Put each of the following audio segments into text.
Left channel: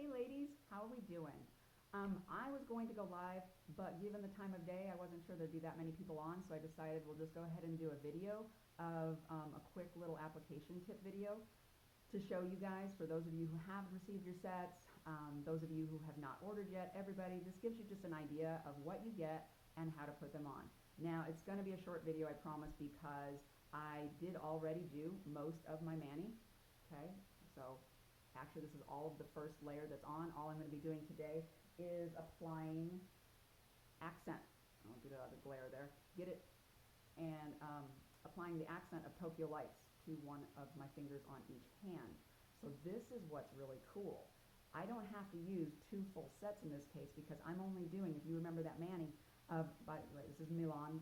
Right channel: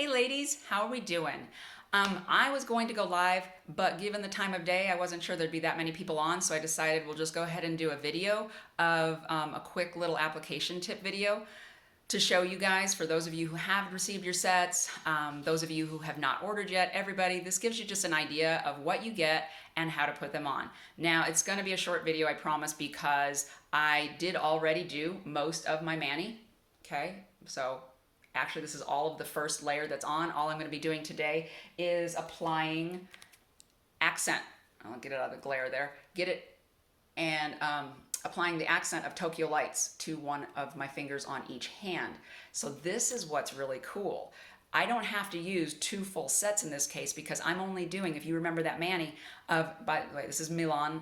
Hey ladies, how are we doing? I was going to go live, but given the time of day, I wasn't sure there'd be that many people on, so I decided we'll just go ahead and do a video of a quick little application tip video to show you guys, for those of you who have received your sets, those of you who have not ordered yet, everybody, this gives you just an idea of what you get and how to put them on. Now, it's going to be a short video, I promise, because I did already do most of my mani, okay? So actually, this is all of the first layer that's on. All I'm going to be doing today is applying accent. I'll get it out of the glare there. Get it and applying the accent of Tokyo Lights to one of my fingers on each hand. So this is what's really cool. I don't have to use two full sets in this case because I'm only doing, if you remember that mani of, by the way, this is Milan,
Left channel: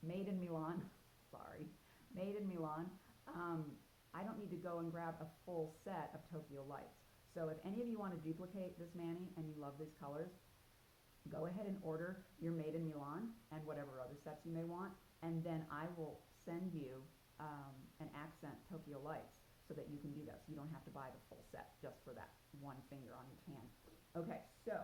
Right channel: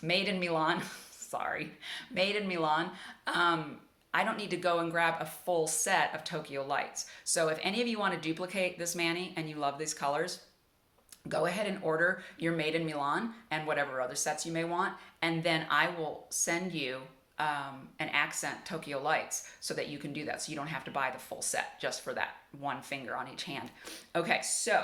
made in Milan, sorry, made in Milan. I don't need to go and grab a full set of Tokyo Lights. So if any of you want to duplicate this mani and you love these colors, go ahead and order your Made in Milan and whatever other sets you may want, and then I will send you an accent Tokyo Lights so that you can do that, so you don't have to buy the full set just for that one finger on each hand. Okay, so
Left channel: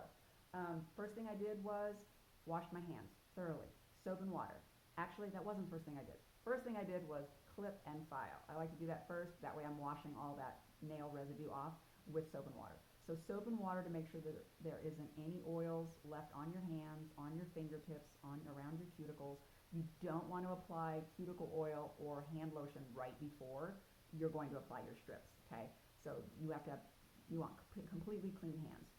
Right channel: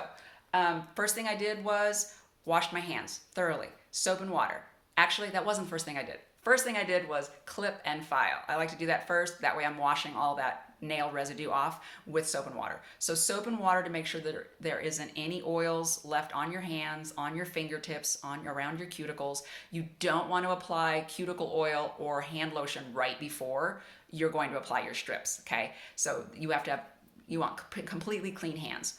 first thing I did was washed my hands thoroughly, soap and water. Actually, that wasn't the first thing I did. First thing I did was clip and file. I like to do that first. That way I'm washing all that nail residue off with soap and water. So soap and water to make sure that there isn't any oils left on your hands, on your fingertips, around your cuticles. You don't want to apply cuticle oil or hand lotion right before you're going to apply your strips, okay? So you want completely clean hands.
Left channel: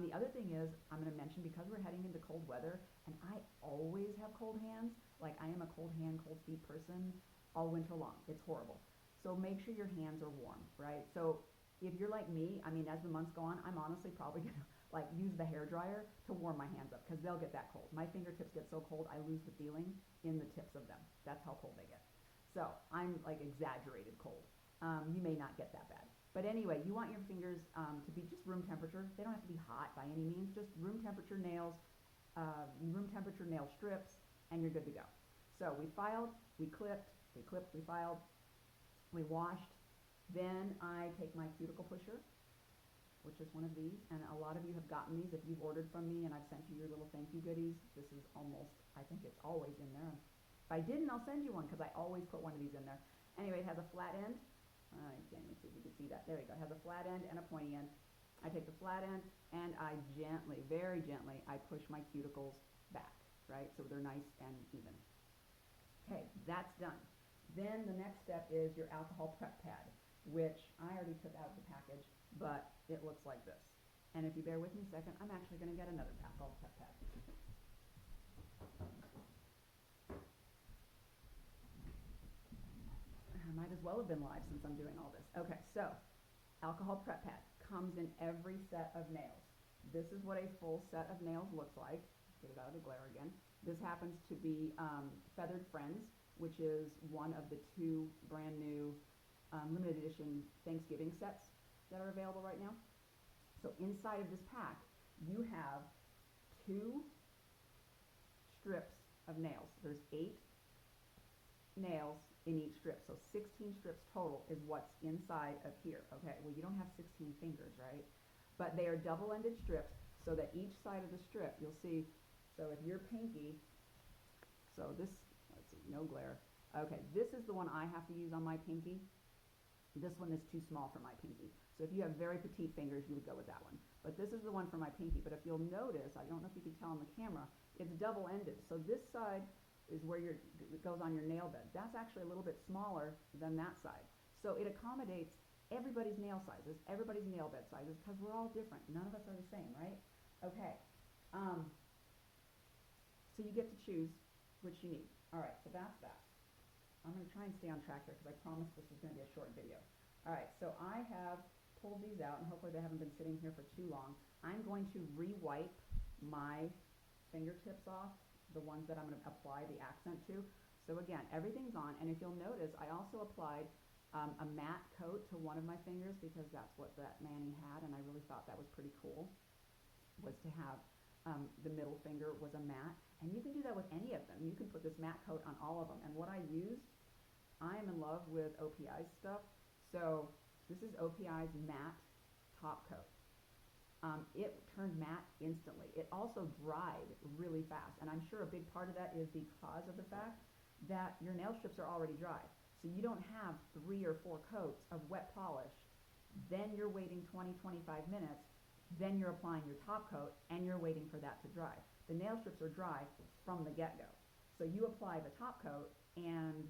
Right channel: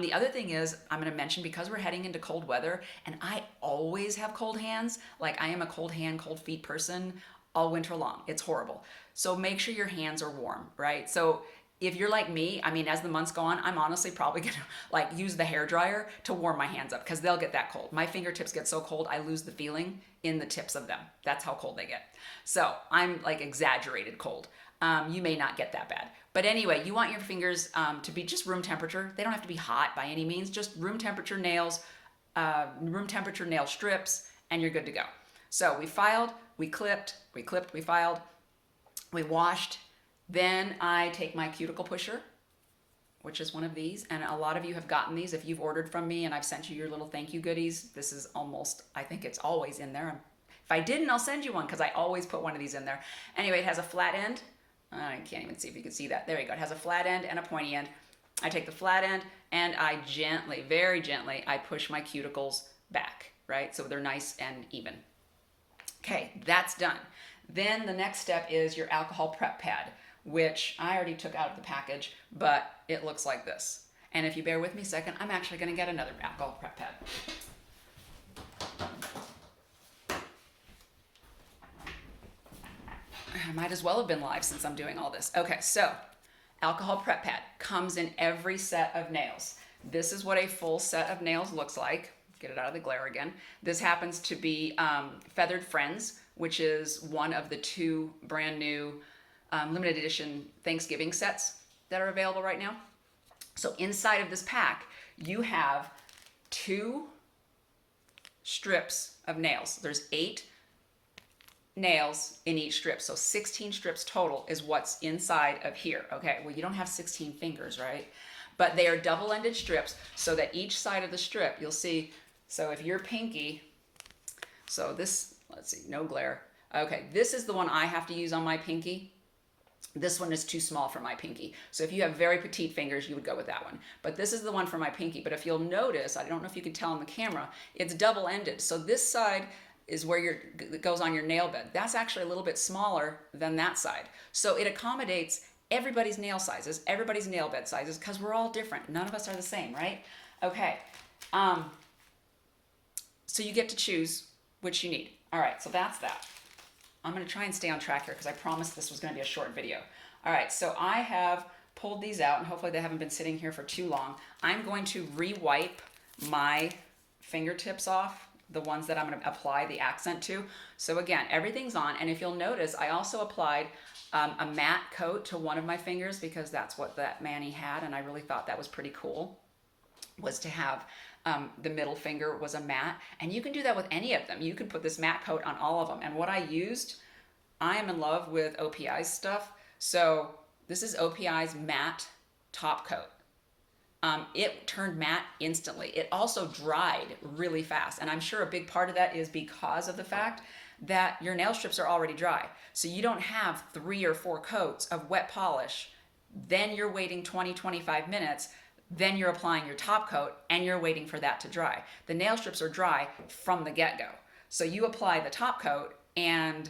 The other thing is, I'm going to mention, because we're heading into cold weather, and I always have cold hands, like I am a cold hand, cold feet person all winter long. It's horrible. So make sure your hands are warm, right? So if you're like me, I mean, as the months go on, I'm honestly probably gonna like use the hair dryer to warm my hands up because they'll get that cold. My fingertips get so cold, I lose the feeling in the tips of them. That's how cold they get. So I'm like exaggerated cold. You may not get that bad. But anyway, you want your fingers to be just room temperature. They don't have to be hot by any means, just room temperature nails, room temperature nail strips, and you're good to go. So we filed, we clipped, we filed, we washed. Then I take my cuticle pusher, which is one of these, and a lot of you have gotten these. If you've ordered from me and I've sent you your little thank you goodies, this is almost, I think it's always in there. If I didn't, I'll send you one because I always put one of these in there. Anyway, it has a flat end. I can't even see if you can see that. There you go. It has a flat end and a pointy end. I take the flat end and I gently, very gently, I push my cuticles back, right? So they're nice and even. Okay, that's done. Then the next step is your alcohol prep pad, which I already took out of the package, but it looks like this. And if you bear with me a second, I'm actually going to get another alcohol prep pad. I might as well have been live since I'm doing all this. Okay, so alcohol prep pad comes in every set of nails. This is what a full set of nails looks like. Get it out of the glare again. This happens to be Feathered Friends, which is one of the two brand new limited edition Thanksgiving sets that are available right now. So inside of this pack, you have 2 strips of nails. There's 8 nails in each strip, so 16 strips total is what's inside of here. Okay, well, you don't have 16 fingers, right? But they are double-ended strips, so that each side of the strip, you'll see, so if your pinky, so this, let's see, no glare. Okay, this is the one I have to use on my pinky. This one is too small for my pinky. So if you have very petite fingers, you would go with that one. But this is the one for my pinky. But if you'll notice, I don't know if you can tell on the camera, it's double-ended. So this side is where it goes on your nail bed. That's actually a little bit smaller than that side. So it accommodates everybody's nail sizes, everybody's nail bed sizes, because we're all different. None of us are the same, right? Okay. So you get to choose which you need. All right, so that's that. I'm going to try and stay on track here because I promised this was going to be a short video. All right, so I have pulled these out, and hopefully they haven't been sitting here for too long. I'm going to re-wipe my fingertips off, the ones that I'm going to apply the accent to. So again, everything's on, and if you'll notice, I also applied a matte coat to one of my fingers because that's what that mani had, and I really thought that was pretty cool, was to have the middle finger was a matte, and you can do that with any of them. You can put this matte coat on all of them, and what I used, I am in love with OPI's stuff, so this is OPI's matte top coat. it turned matte instantly. It also dried really fast. And I'm sure a big part of that is because of the fact that your nail strips are already dry. So you don't have 3 or 4 coats of wet polish. Then you're waiting 20, 25 minutes. Then you're applying your top coat and you're waiting for that to dry. The nail strips are dry from the get-go. So you apply the top coat and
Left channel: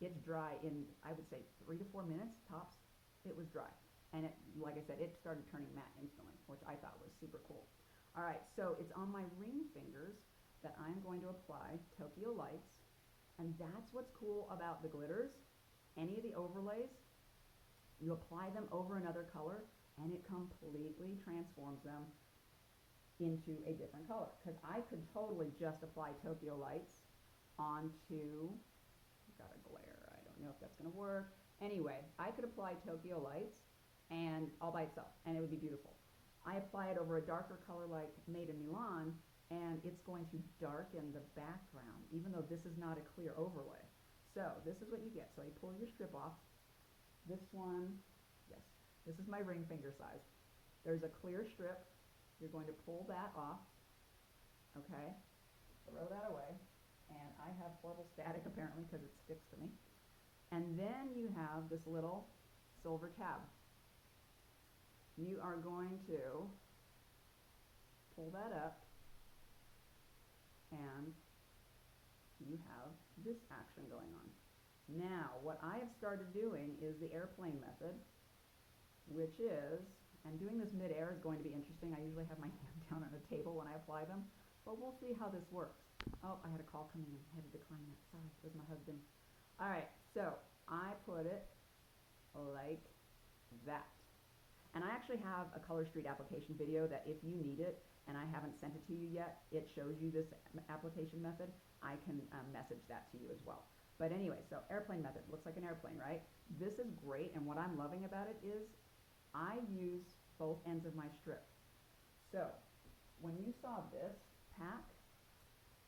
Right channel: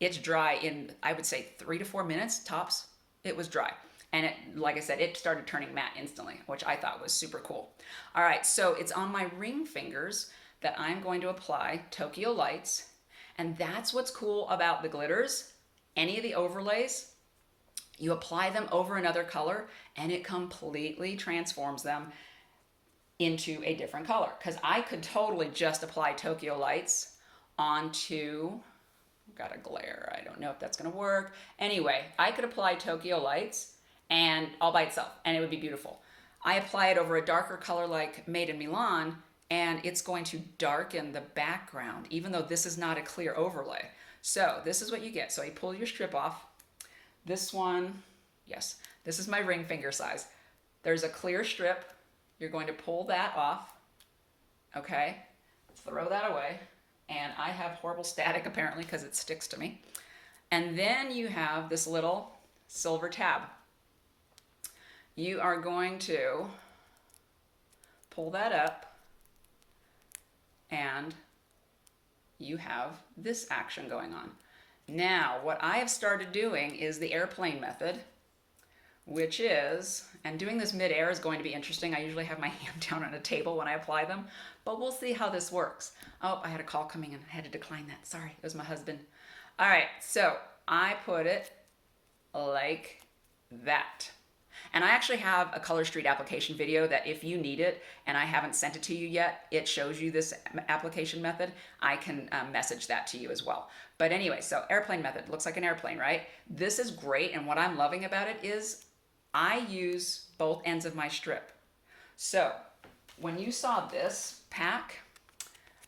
it's dry in, I would say, 3 to 4 minutes tops. It was dry. And it, like I said, it started turning matte instantly, which I thought was super cool. All right, so it's on my ring fingers that I'm going to apply Tokyo Lights. And that's what's cool about the glitters. Any of the overlays, you apply them over another color and it completely transforms them into a different color. Because I could totally just apply Tokyo Lights onto, got a glare, I don't know if that's gonna work. Anyway, I could apply Tokyo Lights and all by itself and it would be beautiful. I apply it over a darker color like Made in Milan and it's going to darken the background even though this is not a clear overlay. So this is what you get. So you pull your strip off. This one, yes, this is my ring finger size. There's a clear strip. You're going to pull that off, okay? Throw that away. And I have horrible static apparently because it sticks to me. And then you have this little silver tab. You are going to pull that up and you have this action going on. Now, what I have started doing is the airplane method, which is, and doing this mid-air is going to be interesting. I usually have my hand down on a table when I apply them, but we'll see how this works. Oh, I had a call coming in. I had to decline that. Sorry, it was my husband. All right, so I put it like that. And I actually have a Color Street application video that if you need it and I haven't sent it to you yet, it shows you this application method. I can message that to you as well. But anyway, so airplane method, looks like an airplane, right? This is great, and what I'm loving about it is I use both ends of my strip. So when you saw this pack,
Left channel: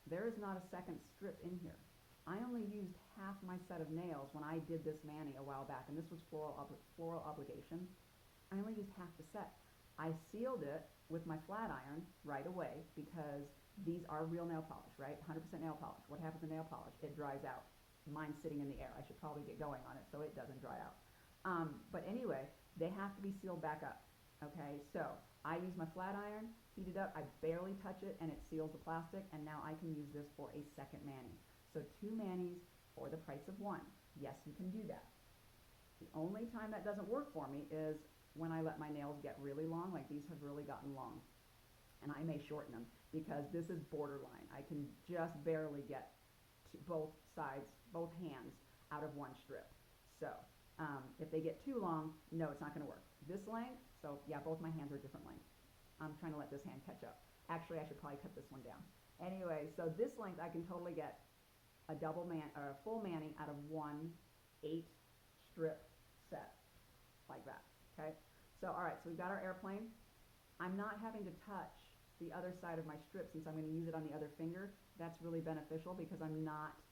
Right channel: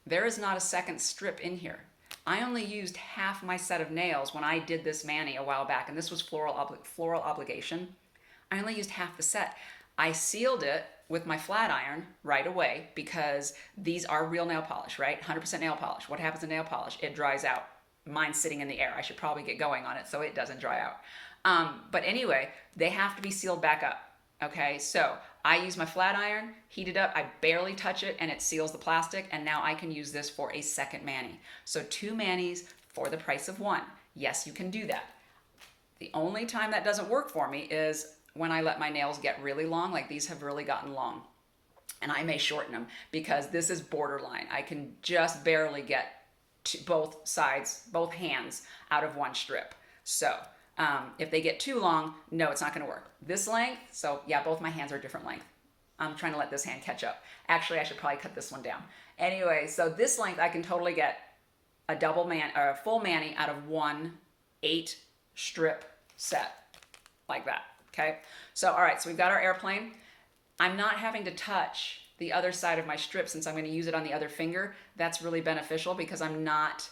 there is not a second strip in here. I only used half my set of nails when I did this mani a while back, and this was Floral Obligation. I only used half the set. I sealed it with my flat iron right away because these are real nail polish, right? 100% nail polish. What happens to nail polish? It dries out. Mine's sitting in the air. I should probably get going on it so it doesn't dry out. But anyway, they have to be sealed back up. Okay, so I use my flat iron, heat it up, I barely touch it, and it seals the plastic, and now I can use this for a second mani. So 2 manis for the price of 1. Yes, you can do that. The only time that doesn't work for me is when I let my nails get really long, like these have really gotten long. And I may shorten them because this is borderline. I can just barely get to both sides, both hands out of one strip. So if they get too long, no, it's not gonna work. This length, so yeah, both my hands are different length. I'm trying to let this hand catch up. Actually, I should probably cut this one down. Anyway, so this length, I can totally get a a full mani out of 1 8 strip set like that. Okay, so all right, so we've got our airplane. I'm not having to touch the other side of my strip since I'm going to use it on the other finger. That's really beneficial because I'm not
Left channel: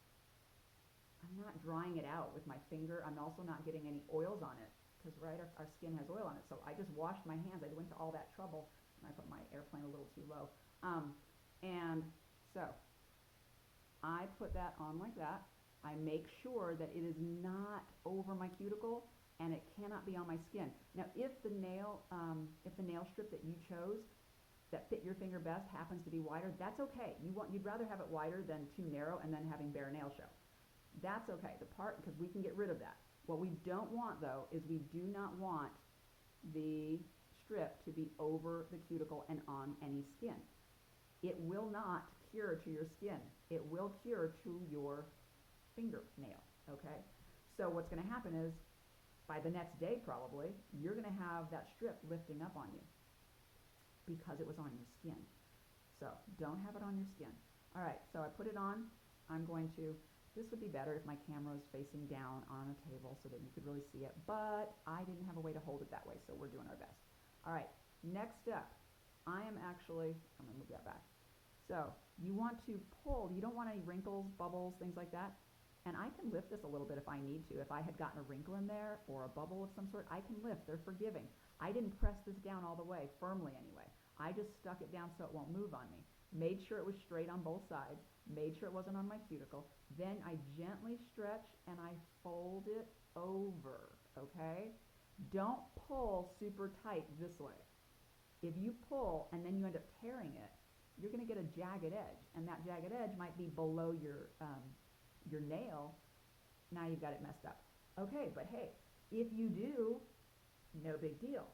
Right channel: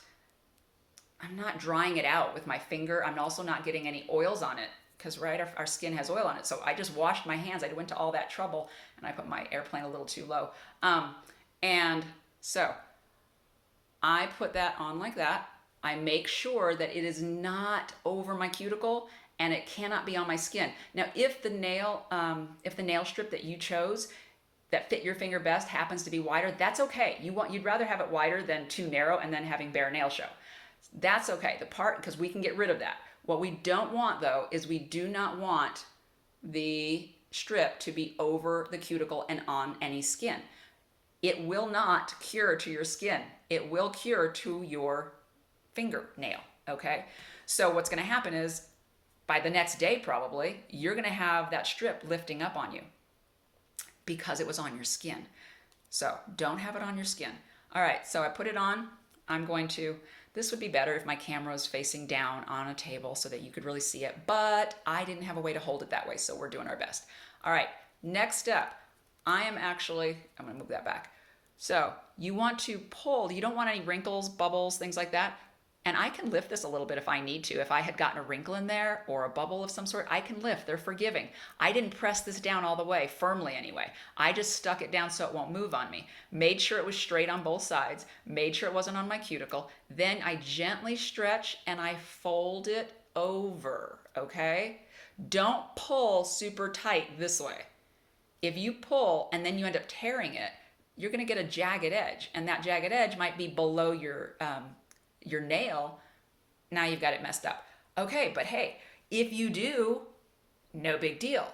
drying it out with my finger. I'm also not getting any oils on it because right, our skin has oil on it. So I just washed my hands. I went to all that trouble and I put my airplane a little too low. And so I put that on like that. I make sure that it is not over my cuticle and it cannot be on my skin. Now, if the nail strip that you chose that fit your finger best happens to be wider, that's okay. You'd rather have it wider than too narrow and then having bare nail show. That's okay. Because we can get rid of that. What we don't want though is we do not want the strip to be over the cuticle and on any skin. It will not cure to your skin. It will cure to your fingernail, okay? So what's gonna happen is by the next day probably, you're gonna have that strip lifting up on you because it was on your skin. So don't have it on your skin. All right, so I put it on. This would be better if my camera was facing down on a table so that you could really see it, but I didn't have a way to hold it that way, so we're doing our best. All right, next step. I'm gonna move that back. So you want to pull, you don't want any wrinkles, bubbles, things like that. And I can lift this a little bit if I need to. If I had gotten a wrinkle in there or a bubble of some sort, I can lift. They're forgiving. I didn't press this down all the way, firmly anyway. I just stuck it down so it won't move on me. Made sure it was straight on both sides. Made sure it wasn't on my cuticle. Then I gently stretch and I fold it over, okay? Don't pull super tight this way. If you pull and then you end up tearing it, you're going to get a jagged edge, and that jagged edge might be below your nail. Now you've got it messed up. Okay, but hey, if you do, no big deal.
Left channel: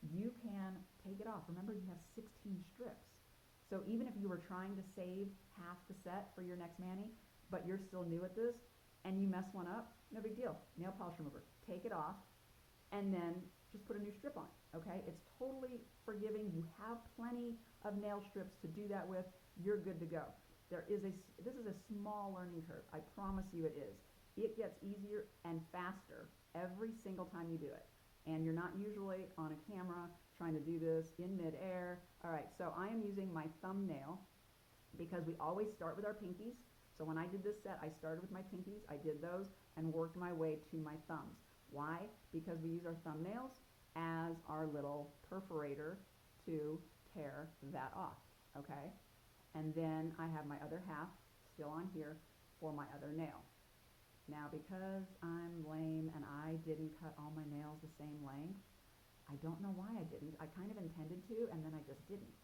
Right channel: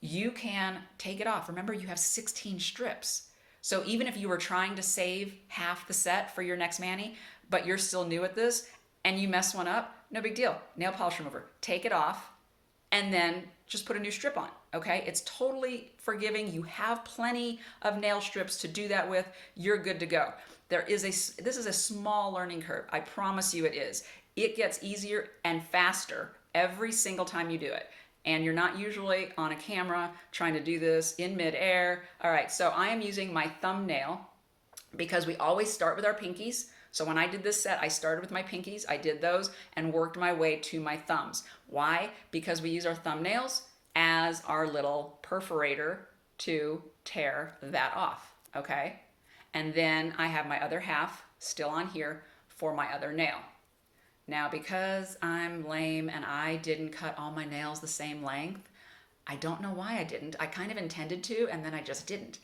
You can take it off. Remember, you have 16 strips. So even if you were trying to save half the set for your next mani, but you're still new at this and you mess one up, no big deal. Nail polish remover, take it off and then just put a new strip on, okay? It's totally forgiving. You have plenty of nail strips to do that with. You're good to go. This is a small learning curve. I promise you it is. It gets easier and faster every single time you do it. And you're not usually on a camera trying to do this in midair. All right, so I am using my thumbnail because we always start with our pinkies. So when I did this set, I started with my pinkies, I did those and worked my way to my thumbs. Why? Because we use our thumbnails as our little perforator to tear that off, okay? And then I have my other half still on here for my other nail. Now, because I'm lame and I didn't cut all my nails the same length, I don't know why I didn't. I kind of intended to, and then I just didn't.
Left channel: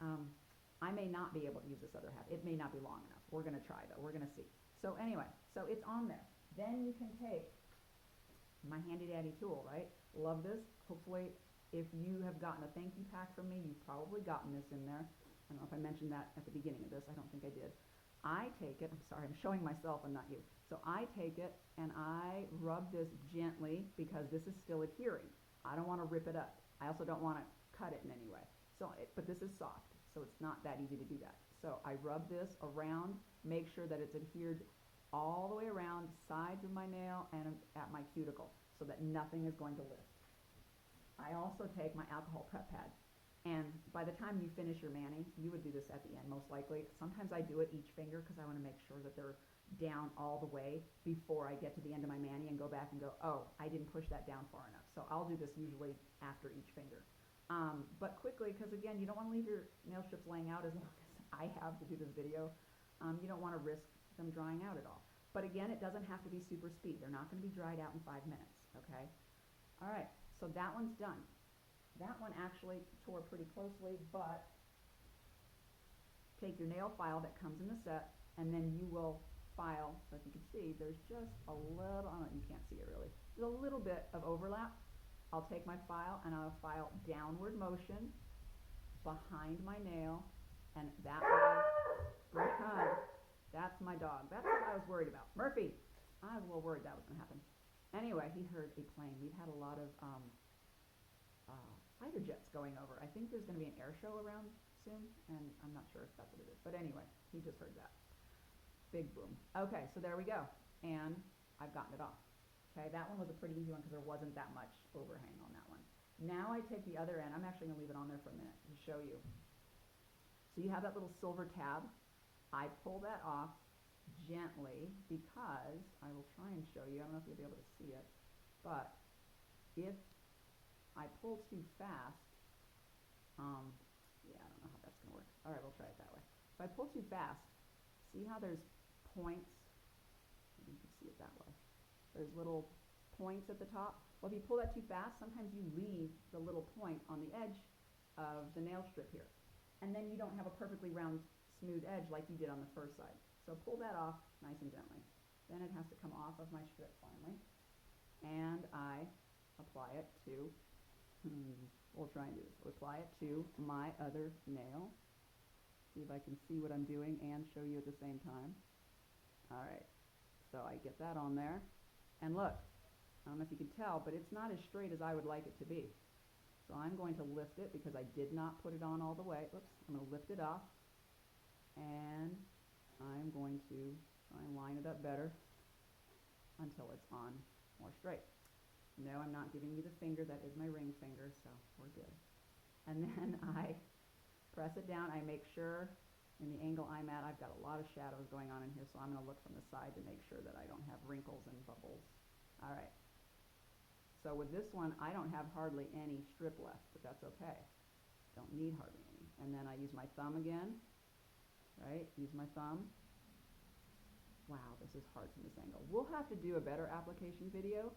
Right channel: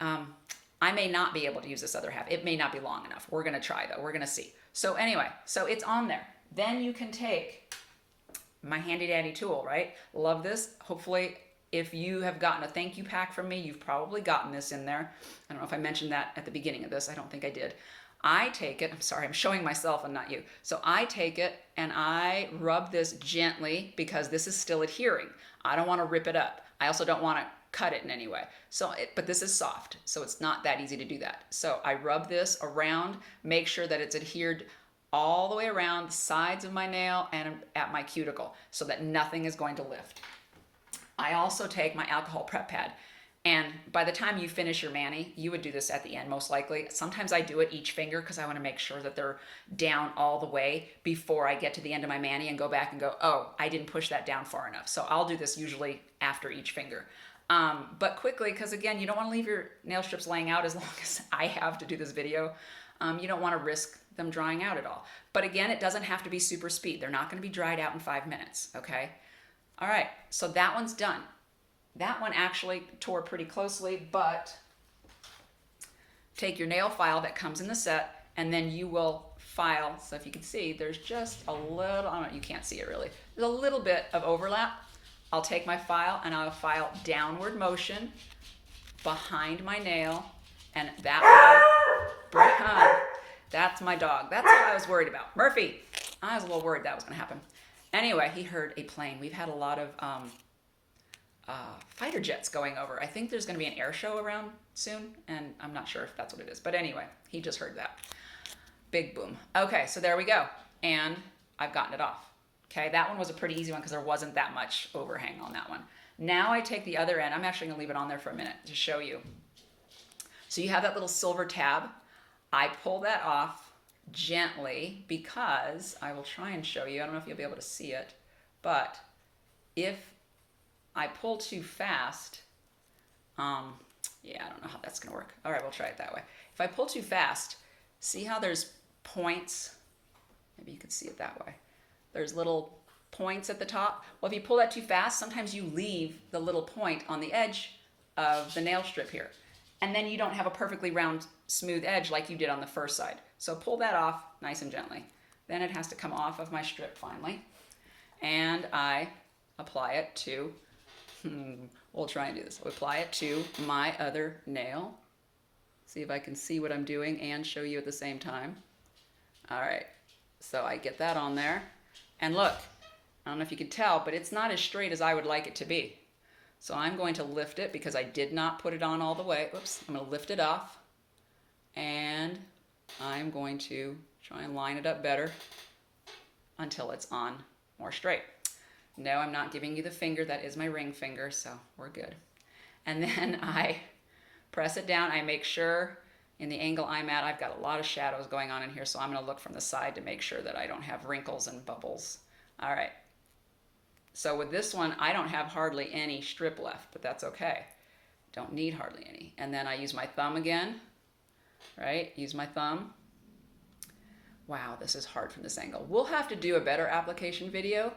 I may not be able to use this other half. It may not be long enough. We're gonna try though, we're gonna see. So anyway, so it's on there. Then you can take my handy dandy tool, right? Love this. Hopefully, if you have gotten a thank you pack from me, you've probably gotten this in there. I don't know if I mentioned that at the beginning of this. I don't think I did. I take it, I'm sorry, I'm showing myself and not you. So I take it and I rub this gently because this is still adhering. I don't want to rip it up. I also don't want to cut it in any way. But this is soft, so it's not that easy to do that. So I rub this around, make sure that it's adhered all the way around the sides of my nail and at my cuticle so that nothing is going to lift. I also take my alcohol prep pad. And by the time you finish your mani, you would do this at the end most likely. Sometimes I do it each finger because I want to make sure that they're down all the way before I get to the end of my mani and go back and go, oh, I didn't push that down far enough. So I'll do this usually after each finger. But quickly, because again, you don't want to leave your nail strips laying out as long as I have to do this video. You don't want to risk them drying out at all. But again, it doesn't have to be super speed. They're not going to be dried out in 5 minutes, okay? All right, so that one's done. That one actually tore pretty closely, but take your nail file that comes in the set and then you will file. So if you can see, there's just a little, I don't know, you can't see it really. There's a little bit of overlap. I'll take my file and I'll file downward motion behind my nail, and that way, that's my dog. That's what I was worried about. Murphy, I was a little worried that was gonna happen. Anyway, he heard a plane. We've had a lot of fighter jets going over. I think there's going to be an air show around soon, and I'm not sure if that's what it is. But anyway, he just heard that. Big boom. Okay, so there we go. And I've gotten it off. Okay, that one was a pretty easy one because there wasn't that much overhang on that one. Now I take the other end. I'm actually going to leave it on there for a minute to show you. So you have that little silver tab. I pull that off gently because I will try and show you. I don't know if you'll be able to see it, but if I pull too fast, yeah, I don't know how that's gonna work. All right, we'll try it that way. If I pull too fast, see how there's points? Maybe you can see it that way. There's little points at the top. Well, if you pull that too fast, sometimes you leave the little point on the edge of the nail strip here. And then you don't have a perfectly round, smooth edge like you did on the first side. So pull that off nice and gently. Then it has to come off of my strip finally. And I apply it to, we'll try and do this. I'll apply it to my other nail. See if I can see what I'm doing and show you at the same time. All right, so I get that on there. And look, I don't know if you can tell, but it's not as straight as I would like it to be. So I'm going to lift it because I did not put it on all the way. Oops, I'm going to lift it off. And I'm going to try and line it up better until it's on more straight. No, I'm not giving you the finger. That is my ring finger, so we're good. And then I press it down. I make sure, in the angle I'm at, I've got a lot of shadows going on in here, so I'm going to look from the side to make sure that I don't have wrinkles and bubbles. All right. So with this one, I don't have hardly any strip left, but that's okay. Don't need hardly any. And then I use my thumb again, right? Use my thumb. Wow, this is hard from this angle. We'll have to do a better application video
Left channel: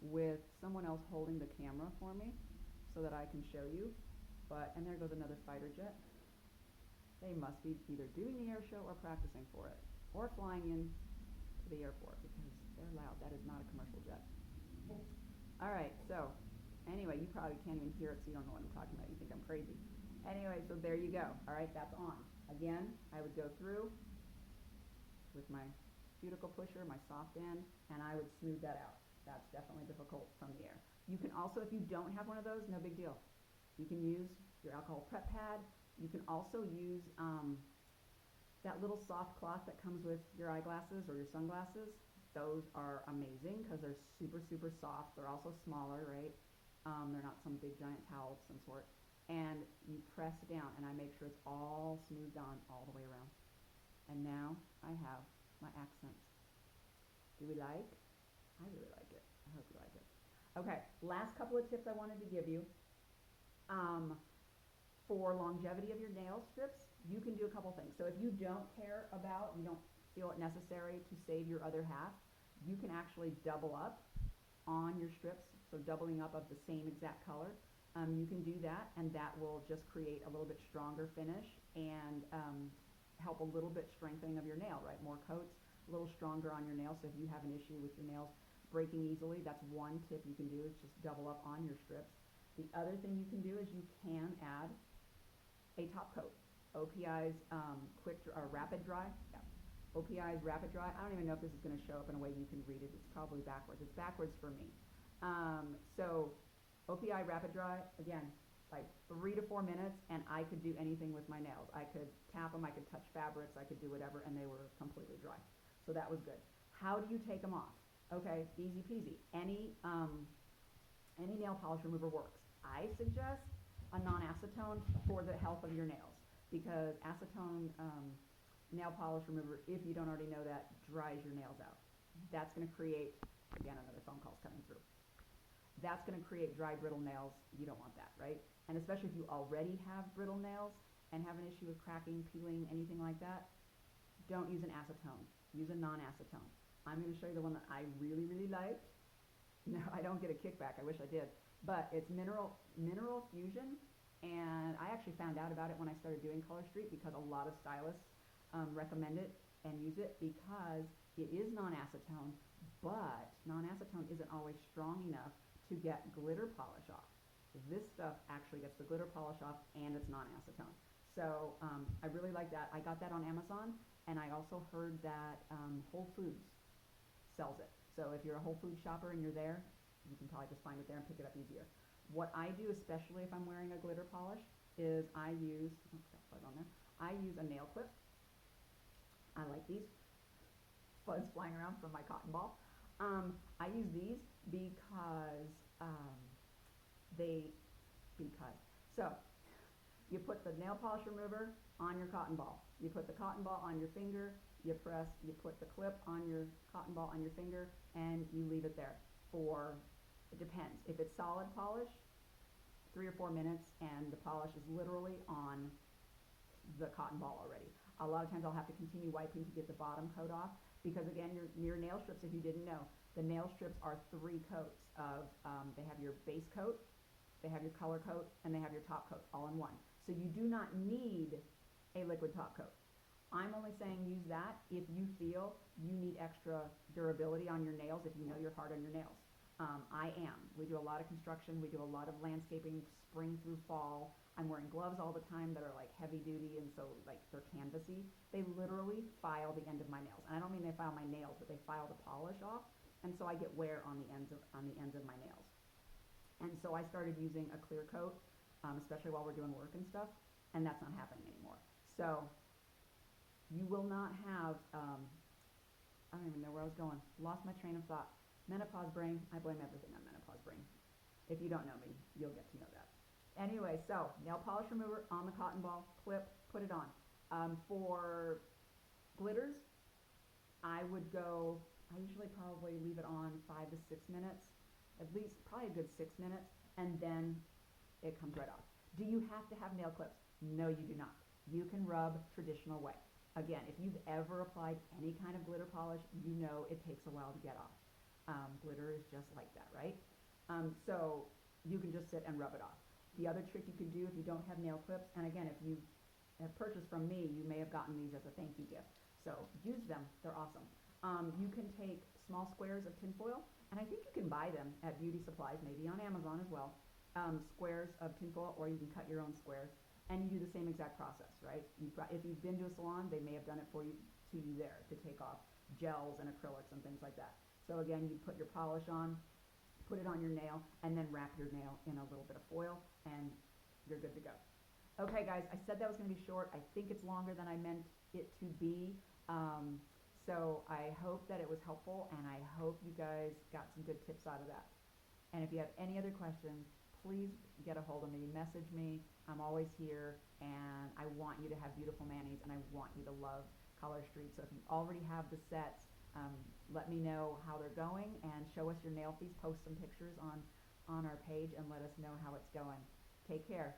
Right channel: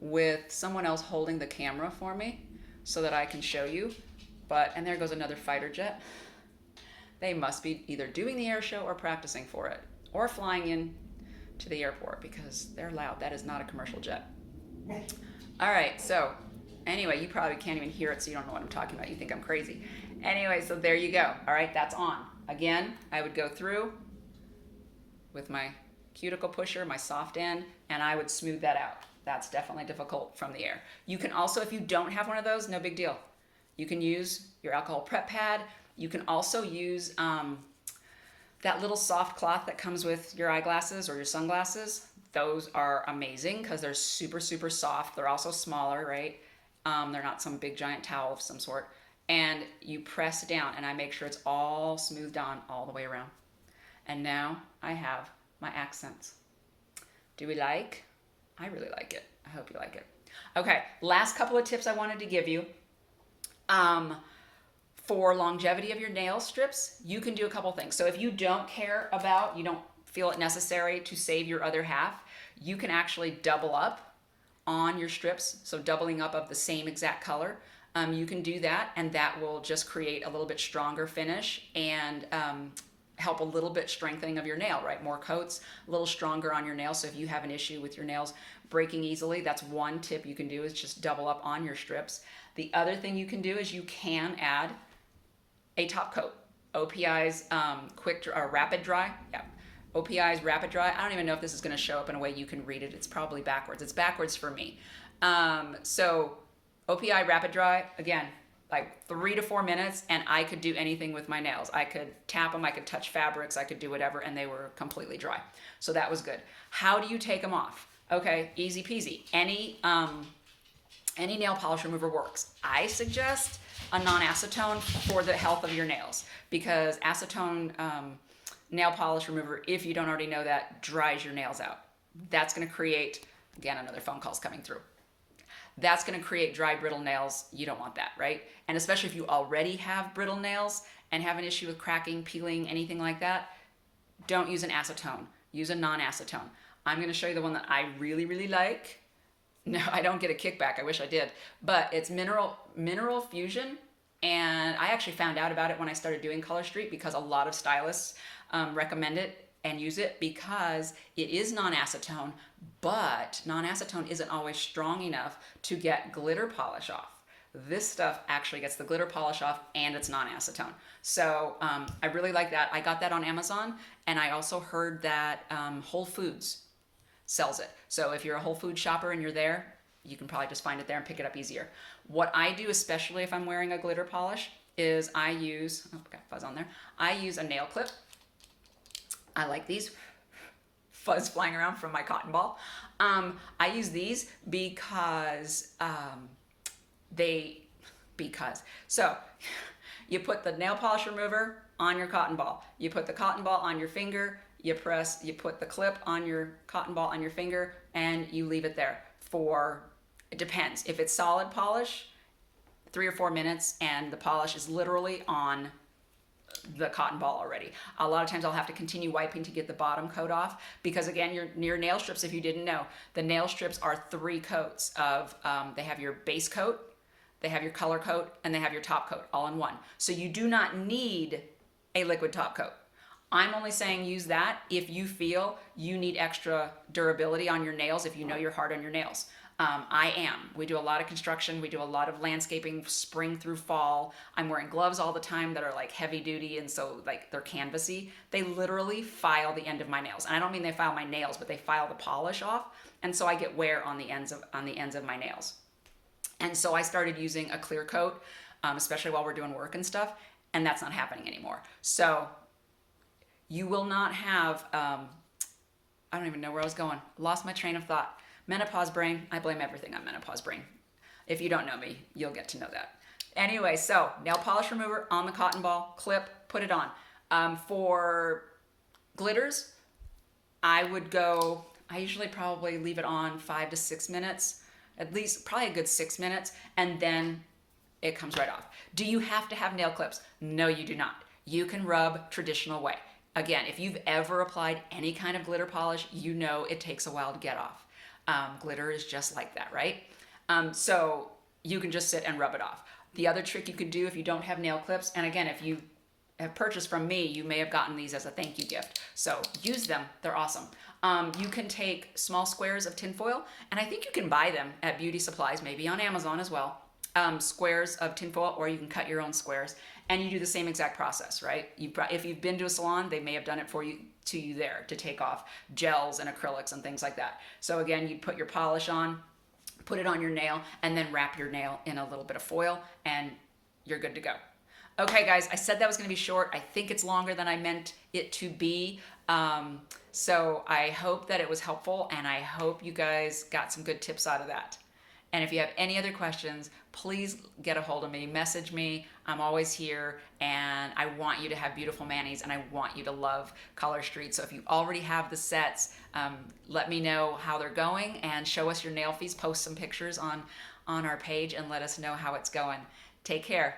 with someone else holding the camera for me so that I can show you. And there goes another fighter jet. They must be either doing the air show or practicing for it, or flying in to the airport because they're loud. That is not a commercial jet. All right, so anyway, you probably can't even hear it, so you don't know what I'm talking about. You think I'm crazy. Anyway, so there you go. All right, that's on. Again, I would go through with my cuticle pusher, my soft end, and I would smooth that out. That's definitely difficult from the air. You can also, if you don't have one of those, no big deal. You can use your alcohol prep pad. You can also use that little soft cloth that comes with your eyeglasses or your sunglasses. Those are amazing because they're super, super soft. They're also smaller, right? They're not some big giant towel of some sort. And you press down, and I make sure it's all smoothed on all the way around. And now I have my accents. Do we like? I really like it. I hope you like it. Okay, last couple of tips I wanted to give you. For longevity of your nail strips, you can do a couple things. So if you don't care about, you don't feel it necessary to save your other half, you can actually double up on your strips. So doubling up of the same exact color. You can do that, and that will just create a little bit stronger finish and help a little bit strengthening of your nail, right? More coats, a little stronger on your nails. So if you have an issue with your nails breaking easily, that's one tip you can do, is just double up on your strips. The other thing you can do is you can add a top coat. OPI's Rapid Dry. Yeah. OPI's Rapid Dry. I don't even know if this is going to show up in a way you can read it. It's probably backwards. It's backwards for me. So OPI Rapid Dry, again, like 3 to 4 minutes, and I could do anything with my nails. I could tap them, I could touch fabrics, I could do whatever, and they were completely dry. So that was good. How do you take them off? Okay, easy peasy. Any nail polish remover works. I suggest a non-acetone for the health of your nails, because acetone nail polish remover, if you don't already know that, dries your nails out. That's going to create, again, another phone call's coming through. That's going to create dry, brittle nails. You don't want that, right? And especially if you already have brittle nails and have an issue with cracking, peeling, anything like that, don't use an acetone. Use a non-acetone. I'm going to show you the one that I really, really like. No, I don't get a kickback. I wish I did. But it's Mineral Fusion. And I actually found out about it when I started doing Color Street, because a lot of stylists recommend it and use it because it is non-acetone, but non-acetone isn't always strong enough to get glitter polish off. This stuff actually gets the glitter polish off, and it's non-acetone. So I really like that. I got that on Amazon, and I also heard that Whole Foods sells it. So if you're a Whole Foods shopper and you're there, you can probably just find it there and pick it up easier. What I do, especially if I'm wearing a glitter polish, is I use, oh, got fuzz on there. I use a nail clip. I like these. Fuzz flying around from my cotton ball. I use these because so you put the nail polish remover on your cotton ball. You put the cotton ball on your finger. You put the clip on your cotton ball on your finger, and you leave it there for, it depends. If it's solid polish, 3 or 4 minutes, and the polish is literally on the cotton ball already. A lot of times I'll have to continue wiping to get the bottom coat off, because again, your nail strips, if you didn't know, the nail strips are 3 coats of, they have your base coat, they have your color coat, and they have your top coat all in one. So you do not need a liquid top coat. I'm only saying use that if you feel you need extra durability on your nails, if you know you're hard on your nails. I am. We do a lot of construction. We do a lot of landscaping, spring through fall. I'm wearing gloves all the time that are like heavy duty, and so like they're canvasy. They literally file the end of my nails. And I don't mean they file my nails, but they file the polish off. And so I get wear on the ends of my nails. And so I started using a clear coat, especially while we're doing work and stuff, and that's not happening anymore. So you will not have, I don't even know where I was going. Lost my train of thought. Menopause brain. I blame everything on menopause brain. If you don't know me, you'll get to know that. Anyway, so nail polish remover on the cotton ball, clip, put it on. For glitters, I usually probably leave it on 5 to 6 minutes, at least probably a good 6 minutes, and then it comes right off. Do you have to have nail clips? No, you do not. You can rub traditional way. Again, if you've ever applied any kind of glitter polish, you know it takes a while to get off. Glitter is just like that, right? So you can just sit and rub it off. The other trick you could do if you don't have nail clips, and again, if you have purchased from me, you may have gotten these as a thank you gift. So use them, they're awesome. You can take small squares of tinfoil, and I think you can buy them at beauty supplies, maybe on Amazon as well. Squares of tinfoil, or you can cut your own squares, and you do the same exact process, right? If you've been to a salon, they may have done it for you to you there to take off gels and acrylics and things like that. So again, you put your polish on, put it on your nail, and then wrap your nail in a little bit of foil, and you're good to go. Okay, guys, I said that was going to be short. I think it's longer than I meant it to be. So I hope that it was helpful, and I hope you guys got some good tips out of that. And if you have any other questions, please get a hold of me, message me. I'm always here, and I want you to have beautiful manis, and I want you to love Color Street. So if you already have the sets, let me know how they're going and show us your nail fees. Post some pictures on our page and let us know how it's going. Take care.